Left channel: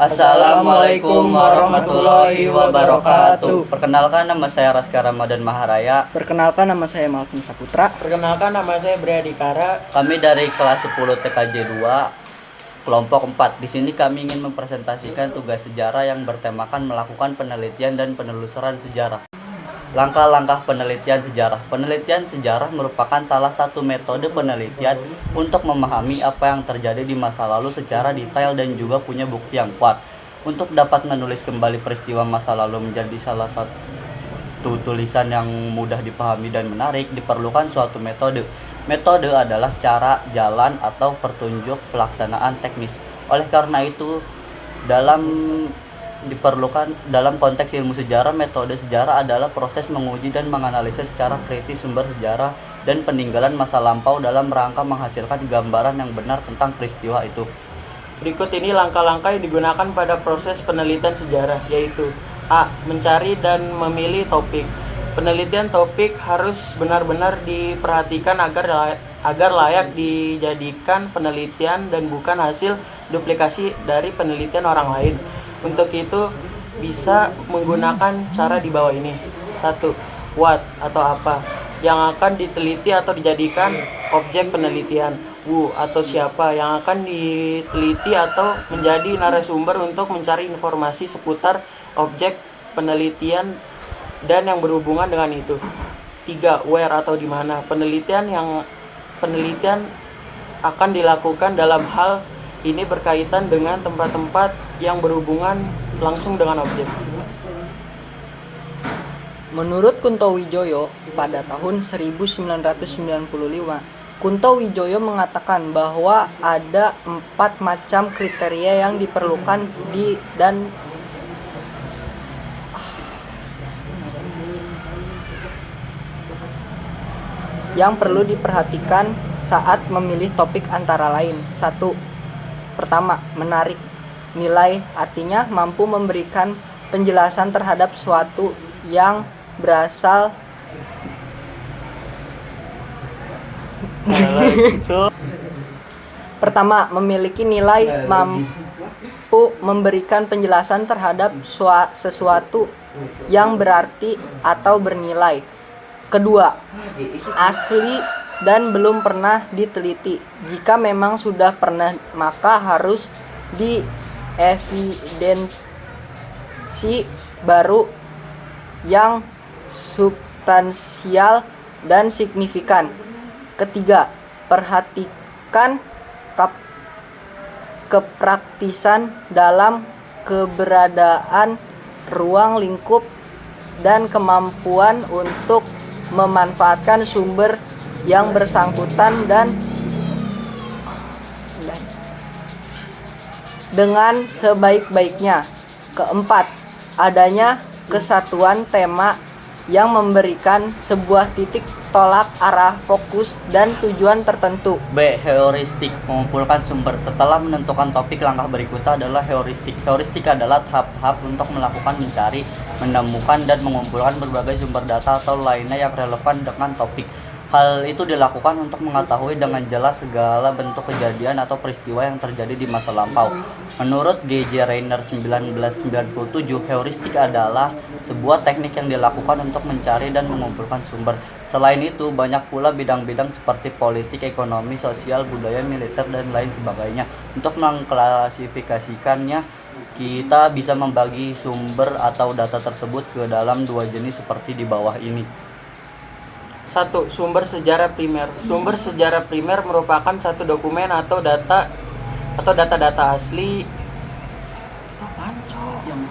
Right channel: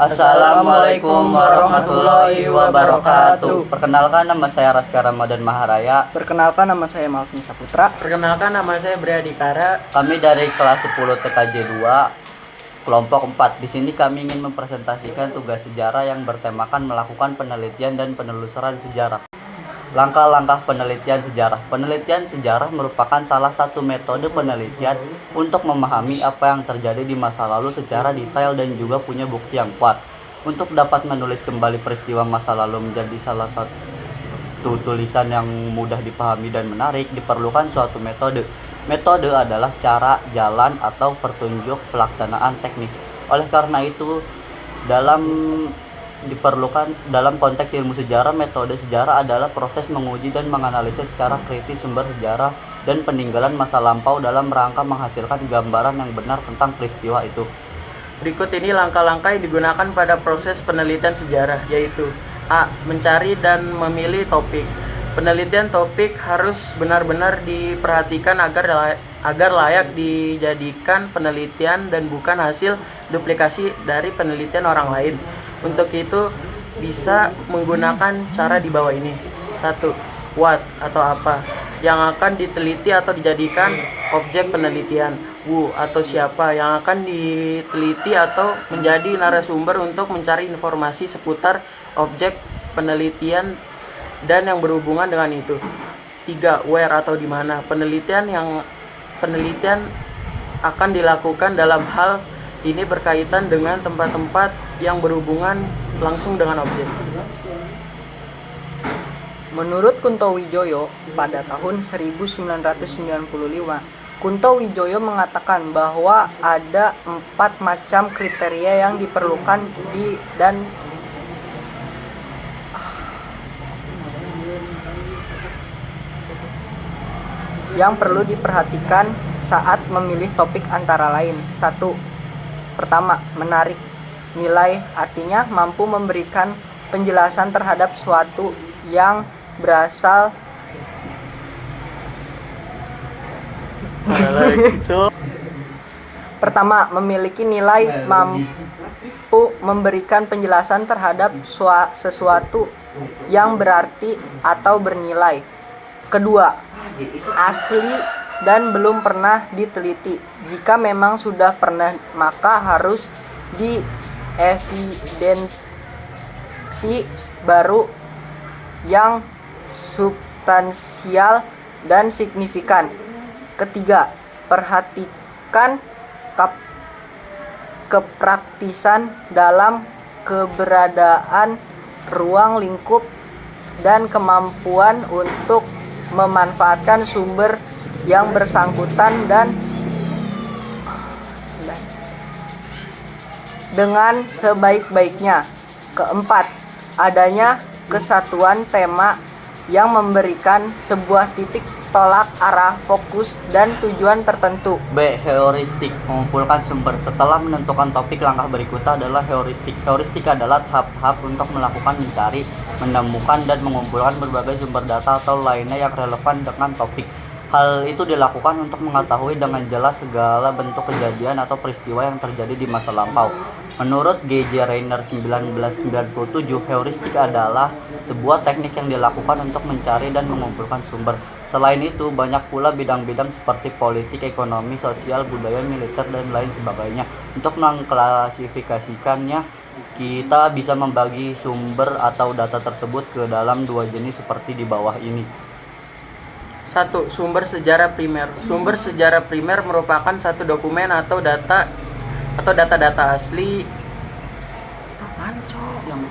Assalamualaikum warahmatullahi wabarakatuh. Perkenalkan, nama saya Raska Ramadan Maharaya. Perkenalkan, nama saya Malvin Saputra. Perkenalkan, nama saya Briadikara. Kami dari kelas 10 TKJ 2 kelompok 4. Di sini kami ingin mempresentasikan tugas sejarah yang bertemakan melakukan penelitian dan penelusuran sejarah. Langkah-langkah penelitian sejarah. Penelitian sejarah merupakan salah satu metode penelitian untuk memahami apa yang terjadi di masa lalu secara detail dan juga punya bukti yang kuat. Untuk dapat menulis kembali peristiwa masa lalu menjadi salah satu tulisan yang mudah dipahami dan menarik, diperlukan suatu metode. Metode adalah cara, jalan, atau petunjuk pelaksanaan teknis. Oleh karena itu, dalam konteks ilmu sejarah, metode sejarah adalah proses menguji dan menganalisis secara kritis sumber sejarah dan peninggalan masa lampau dalam rangka menghasilkan gambaran yang benar tentang peristiwa itu. Berikut ini langkah-langkah yang digunakan pada proses penelitian sejarah, yaitu A. Mencari dan memilih topik. Penelitian topik harus benar-benar diperhatikan agar layak dijadikan penelitian dan bukan hasil duplikasi dari penelitian orang lain. Untuk itu bisa menggunakan cara di bawah ini. 1. What atau apa yang akan diteliti atau dijadikan objek penelitian. Who atau siapa yang akan diteliti atau menjadi narasumber untuk mencari informasi seputar objek penelitian dan yang berhubungan dengan itu. 3. Where atau di mana penelitian akan dilakukan. Dalam hal ini berkaitan dengan tempat-tempat yang berhubungan langsung dengan objek. Menurut Kunto Wijoyo, pada tahun 1995, Kunto Wijoyo mengatakan bahwa ada 4 macam kriteria yang diperlukan yang perlu diperhatikan saat memilih topik, antara lain. 1. Pertama, menarik nilai, artinya mampu memberikan penjelasan terhadap suatu yang berasal Pertama, memiliki nilai, mampu memberikan penjelasan terhadap sesuatu yang berarti atau bernilai. Kedua, asli dan belum pernah diteliti. Jika memang sudah pernah, maka harus dievidensi baru yang substansial dan signifikan. Ketiga, perhatikan kepraktisan dalam keberadaan ruang lingkup dan kemampuan untuk memanfaatkan sumber yang bersangkutan dan dengan sebaik-baiknya. Keempat, adanya kesatuan tema yang memberikan sebuah titik tolak arah, fokus, dan tujuan tertentu. B. Heuristik, mengumpulkan sumber. Setelah menentukan topik, langkah berikutnya adalah heuristik. Heuristik adalah tahap-tahap untuk melakukan mencari, menemukan, dan mengumpulkan berbagai sumber data atau lainnya yang relevan dengan topik. Hal itu dilakukan untuk mengetahui dengan jelas segala bentuk kejadian atau peristiwa yang terjadi di masa lampau. Menurut G.J. Reiner 1997, heuristik adalah sebuah teknik yang dilakukan untuk mencari dan mengumpulkan sumber. Selain itu, banyak pula bidang-bidang seperti politik, ekonomi, sosial, budaya, militer, dan lain sebagainya. Untuk mengklasifikasikannya, kita bisa membagi sumber atau data tersebut ke dalam 2 jenis seperti di bawah ini. 1. Sumber sejarah primer. Sumber sejarah primer merupakan satu dokumen atau data-data asli. Itu pancok yang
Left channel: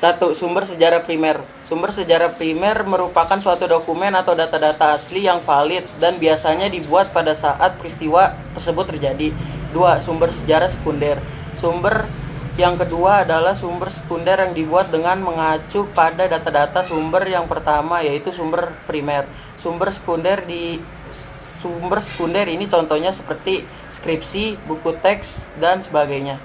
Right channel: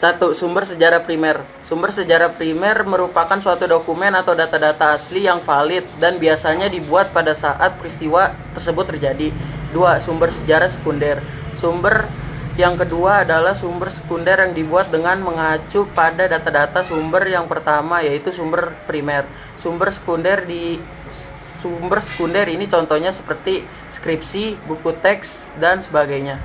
1. Sumber sejarah primer. Sumber sejarah primer merupakan suatu dokumen atau data-data asli yang valid dan biasanya dibuat pada saat peristiwa tersebut terjadi. 2. Sumber sejarah sekunder. Sumber yang kedua adalah sumber sekunder yang dibuat dengan mengacu pada data-data sumber yang pertama, yaitu sumber primer. Sumber sekunder ini contohnya seperti skripsi, buku teks, dan sebagainya.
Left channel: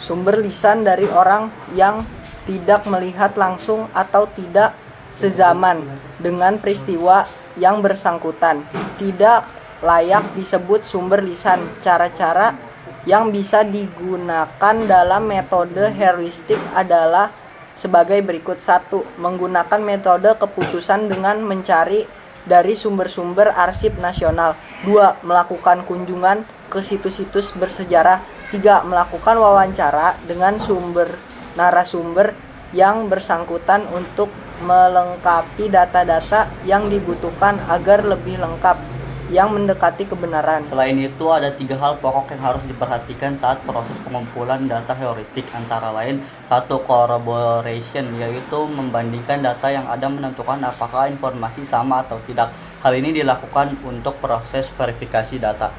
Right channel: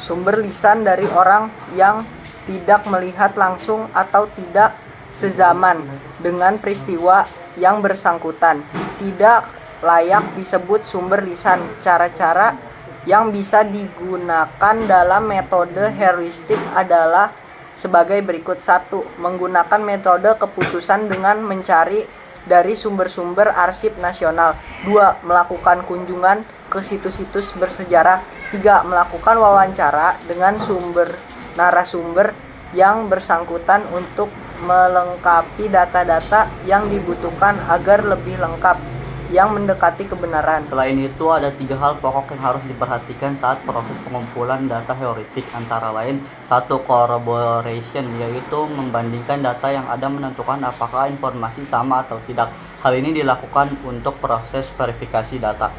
Sumber lisan dari orang yang tidak melihat langsung atau tidak sezaman dengan peristiwa yang bersangkutan. Tidak layak disebut sumber lisan. Cara-cara yang bisa digunakan dalam metode heuristik adalah sebagai berikut. 1. Menggunakan metode keputusan dengan mencari dari sumber-sumber arsip nasional. 2. Melakukan kunjungan ke situs-situs bersejarah. 3. Melakukan wawancara dengan narasumber yang bersangkutan untuk melengkapi data-data yang dibutuhkan agar lebih lengkap yang mendekati kebenaran. Selain itu, ada 3 hal pokok yang harus diperhatikan saat proses pengumpulan data heuristik, antara lain 1. Corroboration, yaitu membandingkan data yang ada menentukan apakah informasi sama atau tidak. Hal ini dilakukan untuk proses verifikasi data.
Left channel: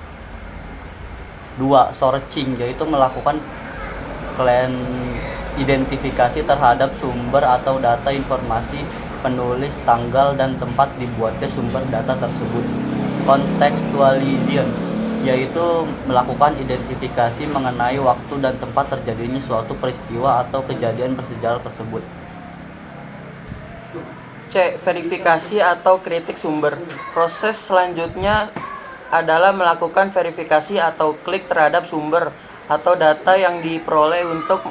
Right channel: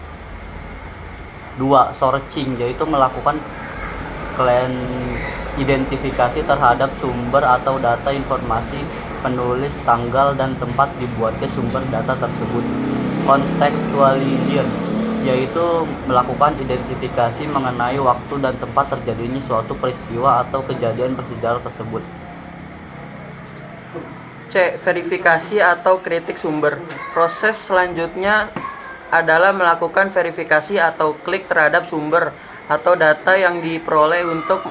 2. Searching, yaitu melakukan identifikasi terhadap sumber atau data informasi, penulis, tanggal, dan tempat dibuatnya sumber data tersebut. Contextualization, yaitu melakukan identifikasi mengenai waktu dan tempat terjadinya suatu peristiwa atau kejadian bersejarah tersebut. C. Verifikasi atau kritik sumber. Proses selanjutnya adalah melakukan verifikasi atau klik terhadap sumber atau data yang diperoleh untuk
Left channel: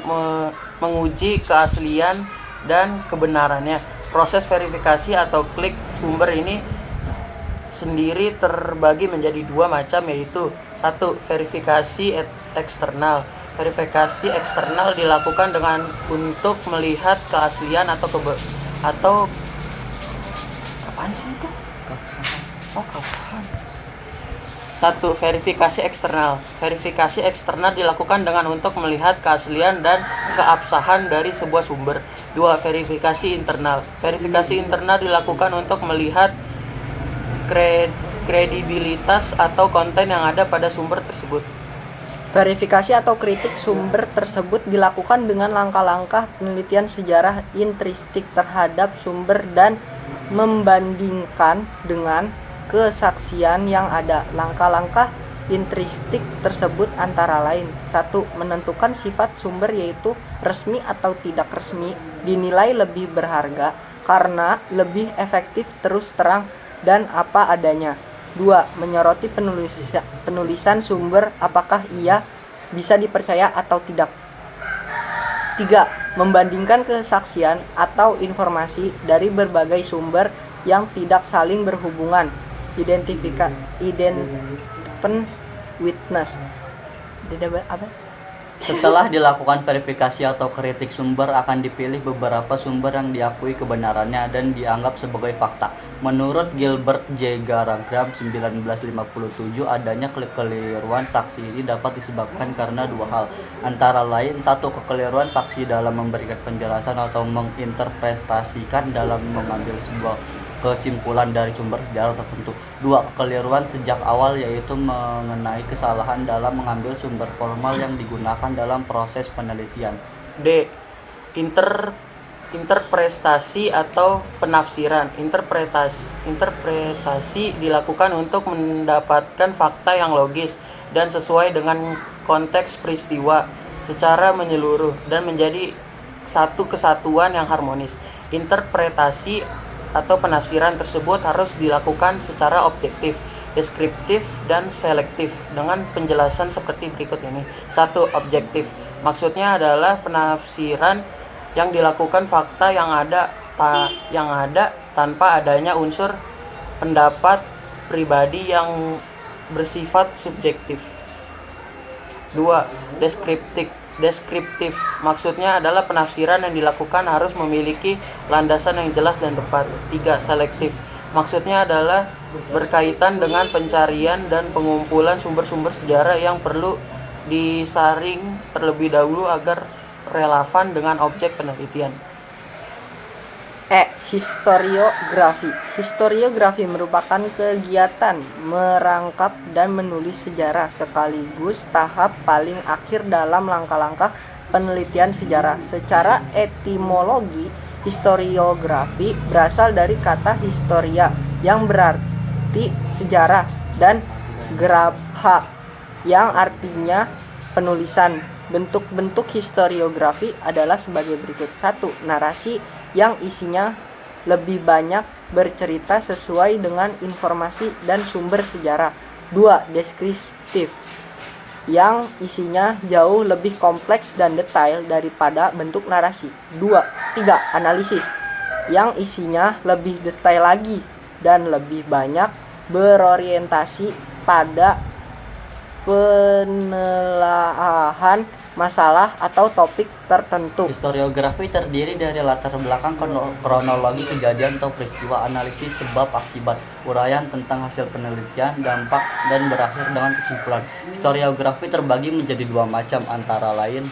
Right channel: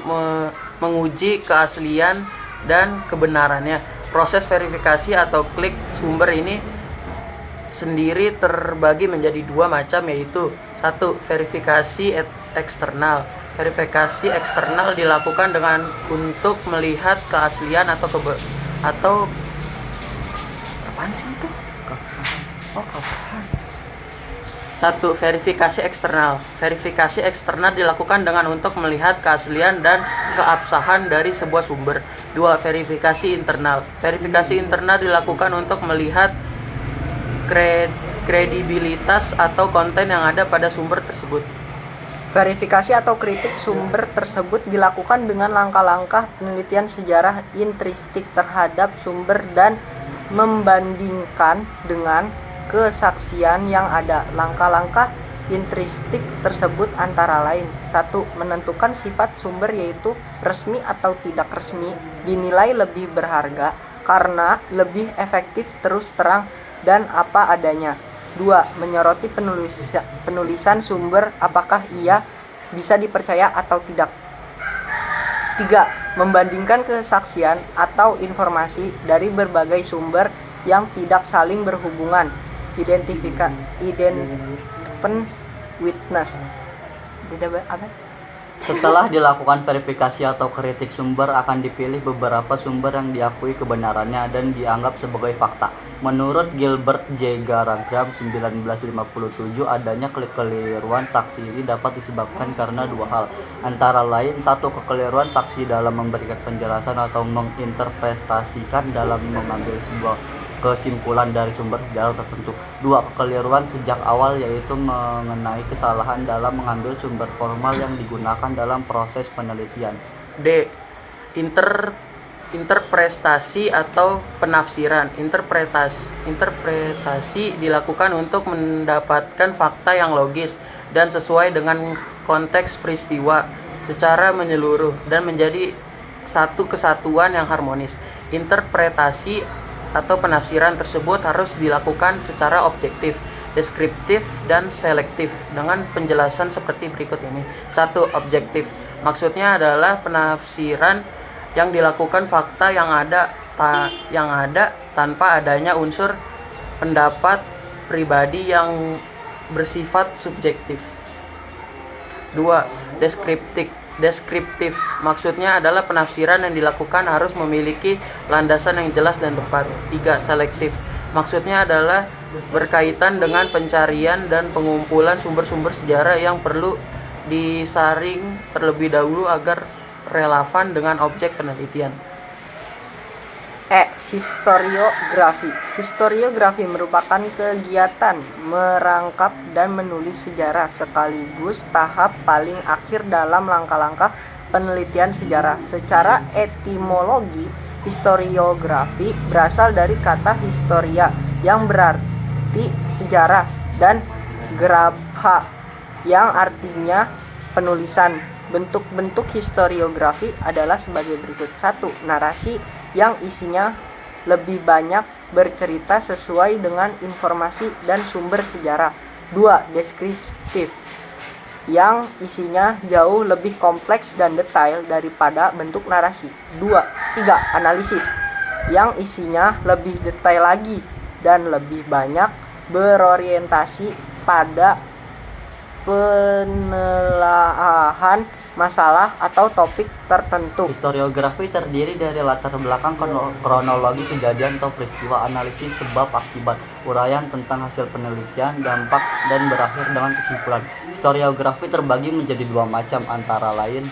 menguji keaslian dan kebenarannya. Proses verifikasi atau klik sumber ini sendiri terbagi menjadi 2 macam, yaitu 1. Verifikasi eksternal. Verifikasi eksternal dilakukan dengan untuk melihat keaslian atau apaan sih itu? Keabsahan. 1. Verifikasi eksternal. Verifikasi eksternal dilakukan dengan untuk melihat keaslian dan keabsahan dari sebuah sumber. 2. Verifikasi internal. Verifikasi internal dilakukan untuk melihat kredibilitas atau konten yang ada pada sumber tersebut. Verifikasi atau kritik sumber tersebut dilakukan dengan langkah-langkah penelitian sejarah intrinsik terhadap sumber dan membandingkan dengan kesaksian yang ada. Langkah-langkah intrinsik tersebut antara lain: 1. Menentukan sifat sumber, yaitu resmi atau tidak resmi, dinilai lebih berharga karena lebih efektif terus terang dan apa adanya. 2. Menyoroti penulisan sumber, apakah ia bisa dipercaya atau tidak. 3. Membandingkan kesaksian atau informasi dari berbagai sumber yang tidak saling berhubungan. Independent witness. Setelah dilakukan verifikasi atau kritik sumber, akan dipilih beberapa sumber yang diakui kebenarannya dan dianggap sebagai fakta. Menurut Gilbert J. Garragram 1957, adanya kekeliruan saksi ini dapat disebabkan karena 2 hal, antara lain 1. Kekeliruan saksi dalam memberikan penjelasan atau menginterpretasikan dalam mengambil sebuah kesimpulan dari sumber sejarah tertentu. 2. Kekeliruan sejak awal, yaitu mengenai kesalahan dalam mengambil sumber formal yang digunakan dalam proses penelitian. D. Interpretasi atau penafsiran. Interpretasi dilakukan untuk mendapatkan fakta yang logis dan sesuai dengan konteks peristiwa secara menyeluruh dan menjadi satu kesatuan yang harmonis. Interpretasi atau penafsiran tersebut harus dilakukan secara objektif, deskriptif, dan selektif dengan penjelasan seperti berikut ini. 1. Objektif. Maksudnya adalah penafsiran yang dilakukan fakta yang ada tanpa adanya unsur pendapat pribadi yang bersifat subjektif. 2. Deskriptif. Maksudnya adalah penafsiran yang dilakukan harus memiliki landasan yang jelas dan tepat. 3. Selektif. Maksudnya adalah berkaitan dengan pencarian dan pengumpulan sumber-sumber sejarah yang perlu disaring terlebih dahulu agar relevan dengan objek penelitian. E. Historiografi. Historiografi merupakan kegiatan merangkap dan menulis sejarah sekaligus tahap paling akhir dalam langkah-langkah penelitian sejarah. Secara etimologi, historiografi berasal dari kata historia yang berarti sejarah dan grapha yang artinya penulisan. Bentuk-bentuk historiografi adalah sebagai berikut. 1. Narasi yang isinya lebih banyak bercerita sesuai dengan informasi dan sumber sejarah. 2. Deskriptif, yang isinya jauh lebih kompleks dan detail daripada bentuk narasi. 3. Analisis, yang isinya lebih detail lagi dan lebih banyak berorientasi pada penelaahan masalah atau topik tertentu. Historiografi terdiri dari latar belakang kronologi kejadian atau peristiwa, analisis sebab akibat, uraian tentang hasil penelitian, dampak, dan berakhir dengan kesimpulan. Historiografi terbagi menjadi dua macam, antara lain:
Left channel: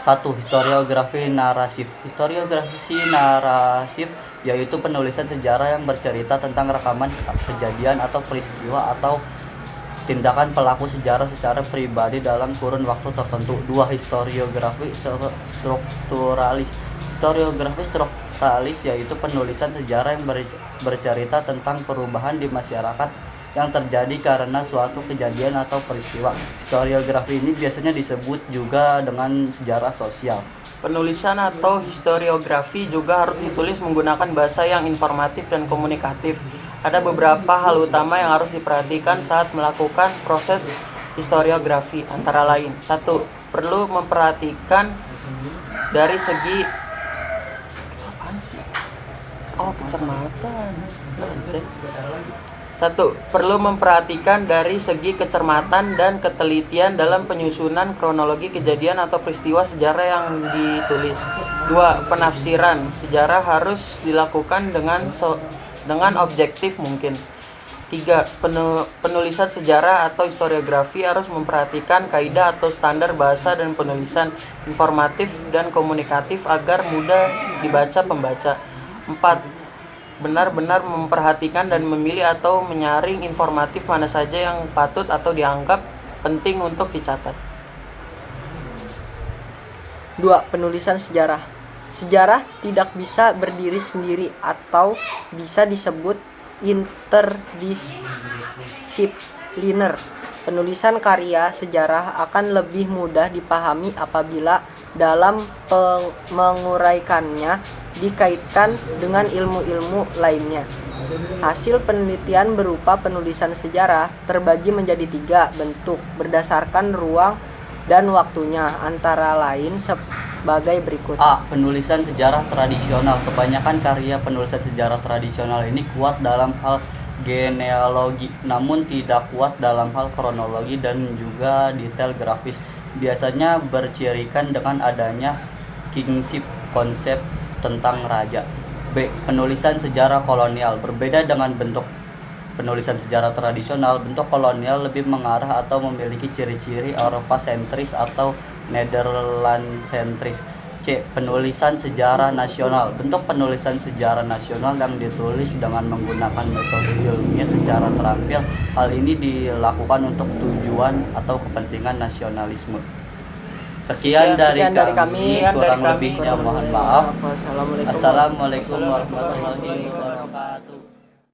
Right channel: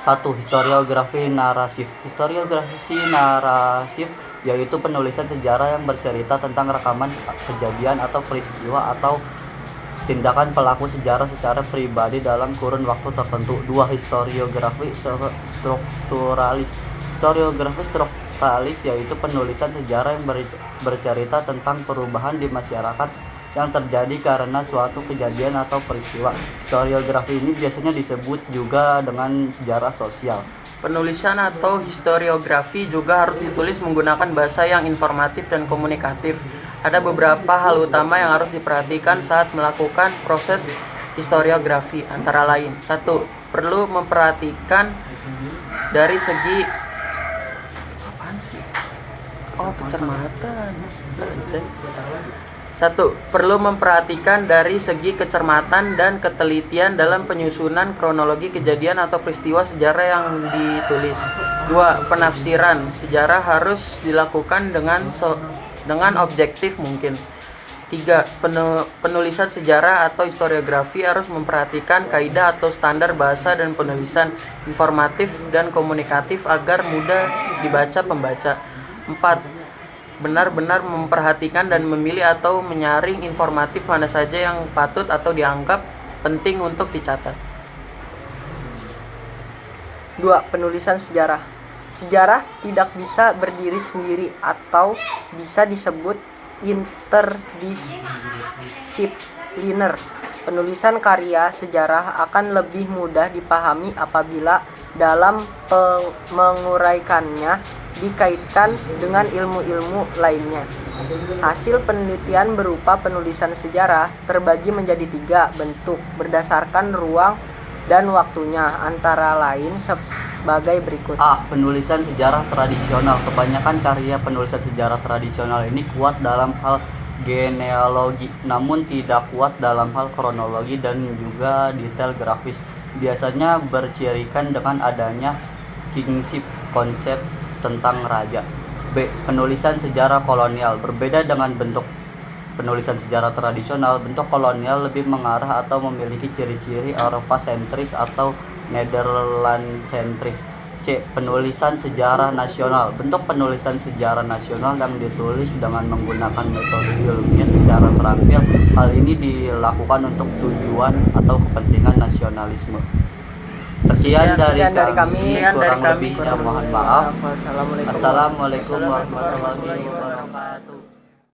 1. Historiografi narasif. Historiografi narasif yaitu penulisan sejarah yang bercerita tentang rekaman kejadian atau peristiwa atau tindakan pelaku sejarah secara pribadi dalam kurun waktu tertentu. 2. Historiografi strukturalis. Historiografi strukturalis yaitu penulisan sejarah yang bercerita tentang perubahan di masyarakat yang terjadi karena suatu kejadian atau peristiwa. Historiografi ini biasanya disebut juga dengan sejarah sosial. Penulisan atau historiografi juga harus ditulis menggunakan bahasa yang informatif dan komunikatif. Ada beberapa hal utama yang harus diperhatikan saat melakukan proses historiografi, antara lain: 1. Perlu memperhatikan dari segi kecermatan. 1. Perlu memperhatikan dari segi kecermatan dan ketelitian dalam penyusunan kronologi kejadian atau peristiwa sejarah yang ditulis. 2. Penafsiran sejarah harus dilakukan dengan objektif mungkin. 3. Penulisan sejarah atau historiografi harus memperhatikan kaidah atau standar bahasa dan penulisan informatif dan komunikatif agar mudah dibaca pembaca. 4. Benar-benar memperhatikan dan memilih atau menyaring informatif mana saja yang patut atau dianggap penting untuk dicatat. 2. Penulisan sejarah. Sejarah tidak bisa berdiri sendiri atau bisa disebut interdisipliner. Penulisan karya sejarah akan lebih mudah dipahami apabila dalam menguraikannya dikaitkan dengan ilmu-ilmu lainnya. Hasil penelitian berupa penulisan sejarah terbagi menjadi 3 bentuk berdasarkan ruang dan waktunya, antara lain sebagai berikut. A. Penulisan sejarah tradisional. Kebanyakan karya penulisan sejarah tradisional ini kuat dalam hal genealogi, namun tidak kuat dalam hal kronologi dan juga detail grafis. Biasanya bercirikan dengan adanya kingship, konsep tentang raja. B. Penulisan sejarah kolonial. Berbeda dengan bentuk penulisan sejarah tradisional, bentuk kolonial lebih mengarah atau memiliki ciri-ciri Eropa sentris atau Nederland sentris. C. Penulisan sejarah nasional. Bentuk penulisan sejarah nasional yang ditulis dengan menggunakan metode ilmiah secara terampil. Hal ini dilakukan untuk tujuan atau kepentingan nasionalisme. Sekian dari kami, kurang lebihnya mohon maaf. Assalamualaikum warahmatullahi wabarakatuh.